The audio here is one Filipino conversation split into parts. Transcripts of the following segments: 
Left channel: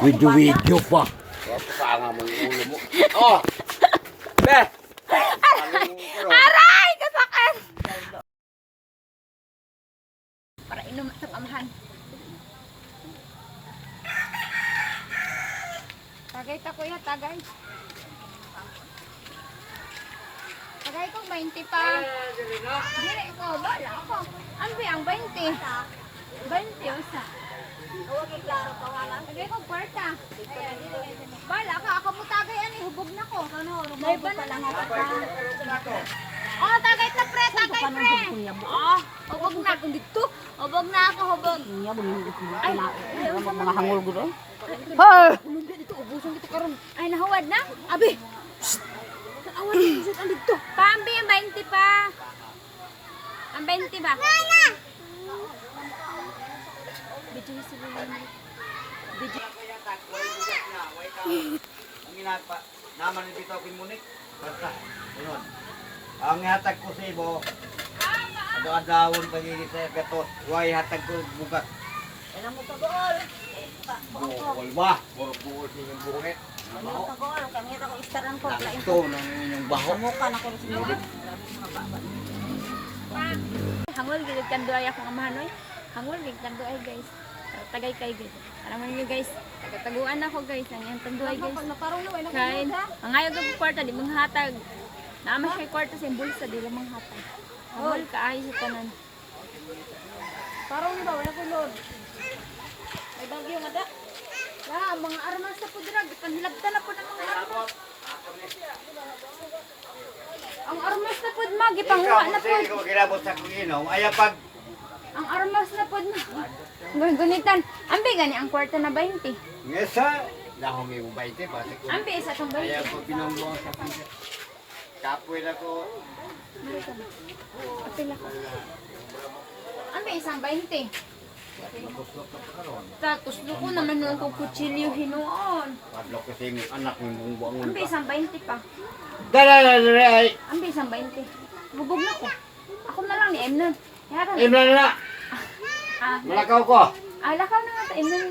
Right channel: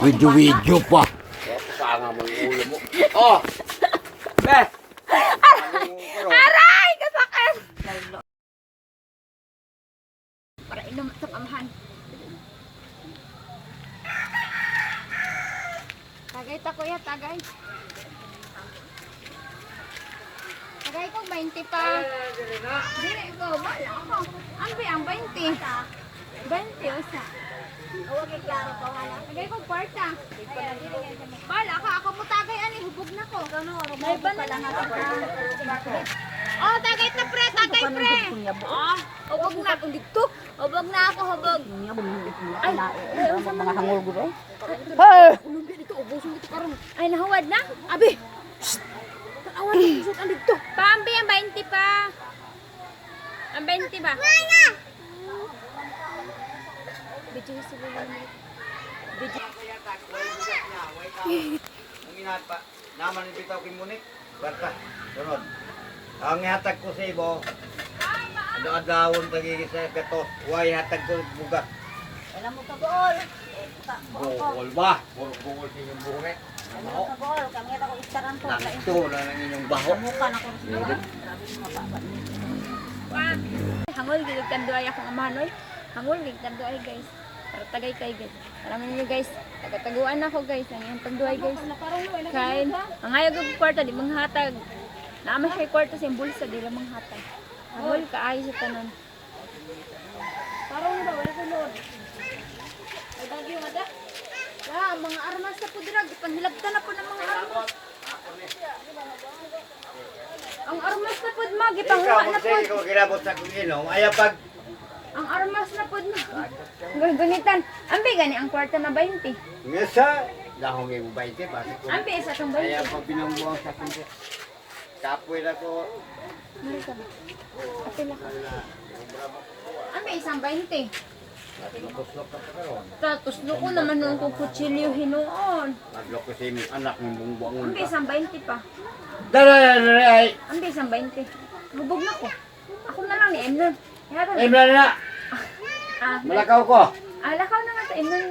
Video pa. Kaya mo yung ulo mo. Oh! Be! Aray! Kasakit! Para inom sa pamahan. Tagay ta kuya, tagay. Tagay ko 20 pa. Dili ko, wala ako. Ano ba ang 20? 20 usa. Huwag iklaro pa wala. Tagay ko kwarta. Bala ka, ako mo tagay ani, hubog na ko. May banan na ka. Oh, tagay ta pre, tagay pre. Oh, hubog na ako dito. Hubog na ako, hubog. Mga hangul gud eh. Ulungga dito, ubuson dito karon. Ay, nahawad na? Abi! Nahawad na, usot ang dito. Pambi, ang 20 pa. Ang 20 ba? Nana! Bidyo na sila naman. Bidyo. Ang inapa, naman ang bitaw kimunik. Basta, sunod. Ang ihatag ko sa ibo, adawon pagiging sa gatos. Huwag ihatag ko bugat. Alam mo ka gol. Bukol ba? Bukol sa inyong buhok. Alam mo ka gol, kami ra ko istaran ko. Ito na inyong baho. Mukha na ko sa Hangol, gilig tanduay akong amanoy. Hangol, gilig tanduay guys. Tagay kayo guys. Alam niyo guys, tagataguan ako guys. Ano yung tanduay guys? Kain. Ang ayag ang kwarta, di manghatag. Naamas kay kwarta sa bulsa, di lang manghatag. Hangol, kaayos sa tanan. Parang ni ba wala ko lord. Ay bagyo nga da. Wala, mga armas na po dinag. Panghilabtan na po ng mga armas. Ang armas na po mag, Ikaw, ipanguha na po. magsige ko kilabot sa kuginom. Ayaw pag Ang armas na po na. Gunitan. Ambi gani ang kwarta na 20. ngesa, dahong yung baite, pati ko. Ambi isa tong Ayaw 20. pag pinangbuang sa kuginom. Kapoy na ko. Meron ka ba? Patula ka. Ambi isang 20. Kuslok ka pa karon. Tapos ko naman nung kung kutsilyo hinuon. Madlok ko sa imong anak ng bungbuangon Ambi pa. isang 20 pa. Dala ay. Ambi isang 20. Hubog na ko. Ako na lang ni Emnon. Meron. Imra na. Ah, Malakaw ko. alakaw na nga sa Emnon.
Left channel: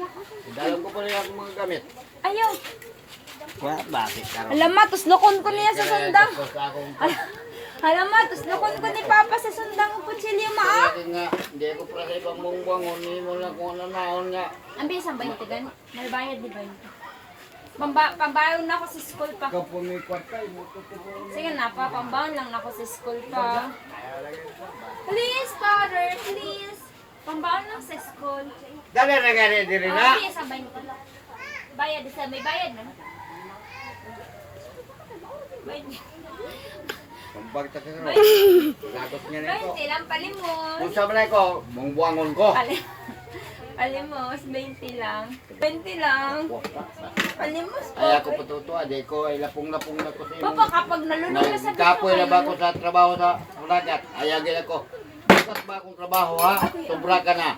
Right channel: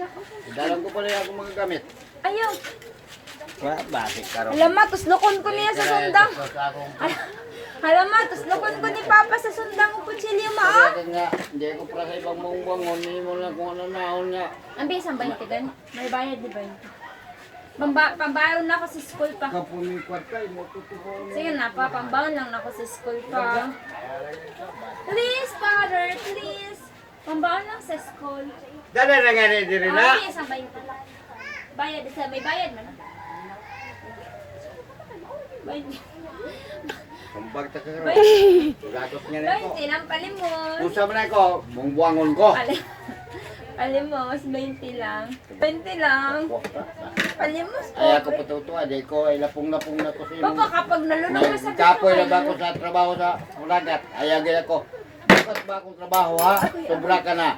Dalam ko pa rin ako mga gamit. Ayaw. Bakit karon? Alam mo, tuslokon ko niya sa sundang. Sa akong Alam mo, tuslokon ko ni Papa sa sundang kutsilyo mo. Ah. kaya nga, hindi ko para sa ibang bungbuangon. Hindi mo lang kung ano naon nga. Ambi isang 20 gan. May bayad di 20. Pambayon na ako sa school pa. Kapon mo kwarta, mo tutulungan. Sige na pa, pambaon lang ako sa school pa. Please, father, please. Pambaon lang sa school. Dala na nga rin din na. Ambi isang 20. Bayad, isa, may bayad man. 20. Kambag ta ka karon. Lagos nga na ko. 20 lang, palimos. Kung sa man ko, bungbuangon ko. Palimos, 20 lang. 20 lang. Palimos po. Ay ako patutuwa, di ko ay lapong-lapong na ko sa imo. Papa, kapag nalunod ka sa Kapoy na ba ako sa trabaho sa Ulagat? Ayaw gina ko. Bukas ba akong trabaho ha? Sobra ka na.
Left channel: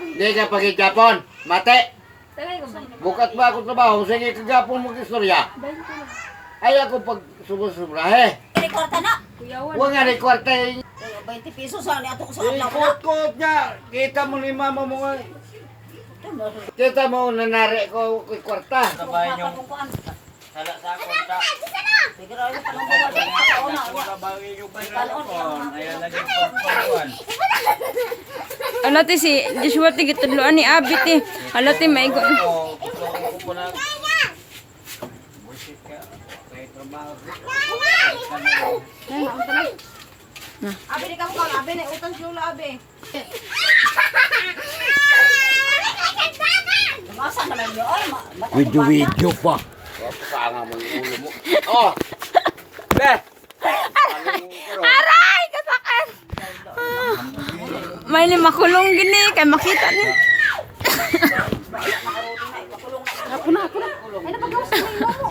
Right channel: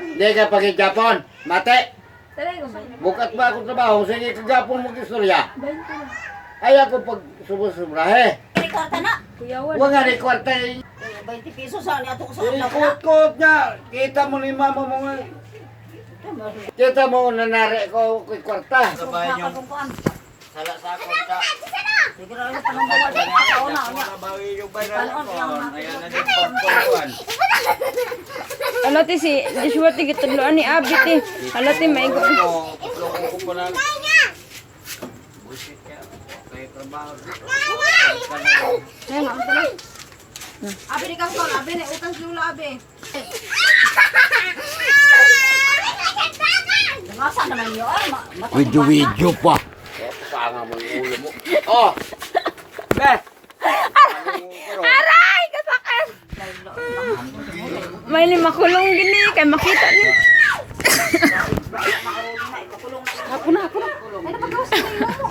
Hindi ka pag-Japon. Mate! Sabi ko ba? Bukas ba akong trabaho? Sige ka-Japon mag-istorya. 20 lang. Ayaw ko pag subra he. Kini kwarta na. Kuyawan. Huwag nga rin kwarta eh. 20 pesos sa ni ato ko sa adlaw na. Ikot-kot nga. Kita mo ni mama mo nga. Kita mo nanari ko kay kwarta. Sabay yung kuan. Sala sa kwarta. Siguro yung panumbawa di ka una unya. Bawi yung bayan ko. Ayan na din pagkuhan. Alati si Joshua ti gitudloan ni Abit eh. Alati may go. Tulungan ko po ng... Buisit ka. Kaya trabaho. Ay, haan pa na. Abi di ka utang, abi na utang si Lula abi. Masa naman yun? Video pa. Kaya mo yung ulo mo. Oh! Be! Aray! Kasakit! May ni makulong gini kay makita ni. Ako na. Ano ba gawas sa mo?